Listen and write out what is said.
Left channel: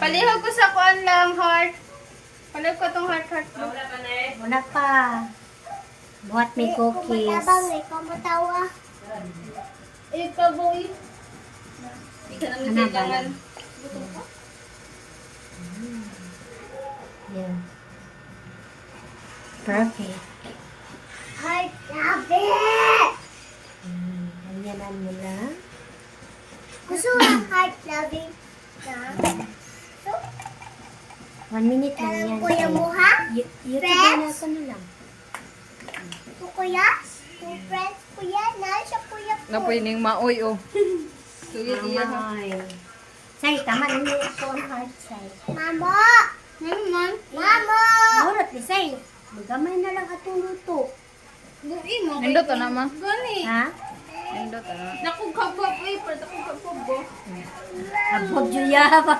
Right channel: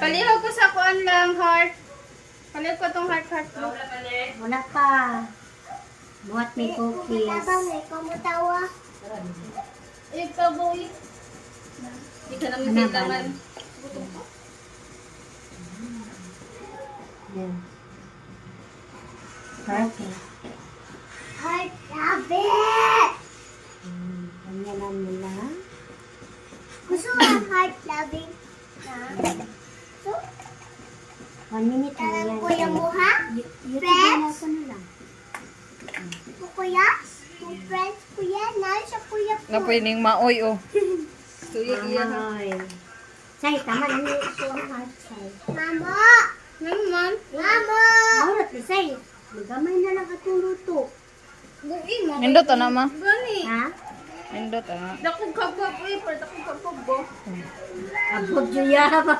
Palihog ko sa kuan lang, heart. Palihog ko tong heart. Wala pa. Buhat may cookies. Ikaw matawa. Ikaw, boy. Hindi ka naman Hanaban. kailangan. Yan. Perfect. Heart love it! Ganyanan mo lang. Gusto mo ang heart loving na? So, 1 minute lang talang yan. kuya mo ha? YouTube Friends? na ako na lang. Ito kuya? Yung friends kuya? Naan siya kuya ko? Napuining maoy, oh. Mamay. Say, tama lang yung phone heart, say. Mama! Naman. Mama! Mahulat ni say. Magamay na lang atong luto. Nindot na ma. Gani! Ha? Nindot na. Nakong kabab, uy, pa nakong kabab. Abog juya ba?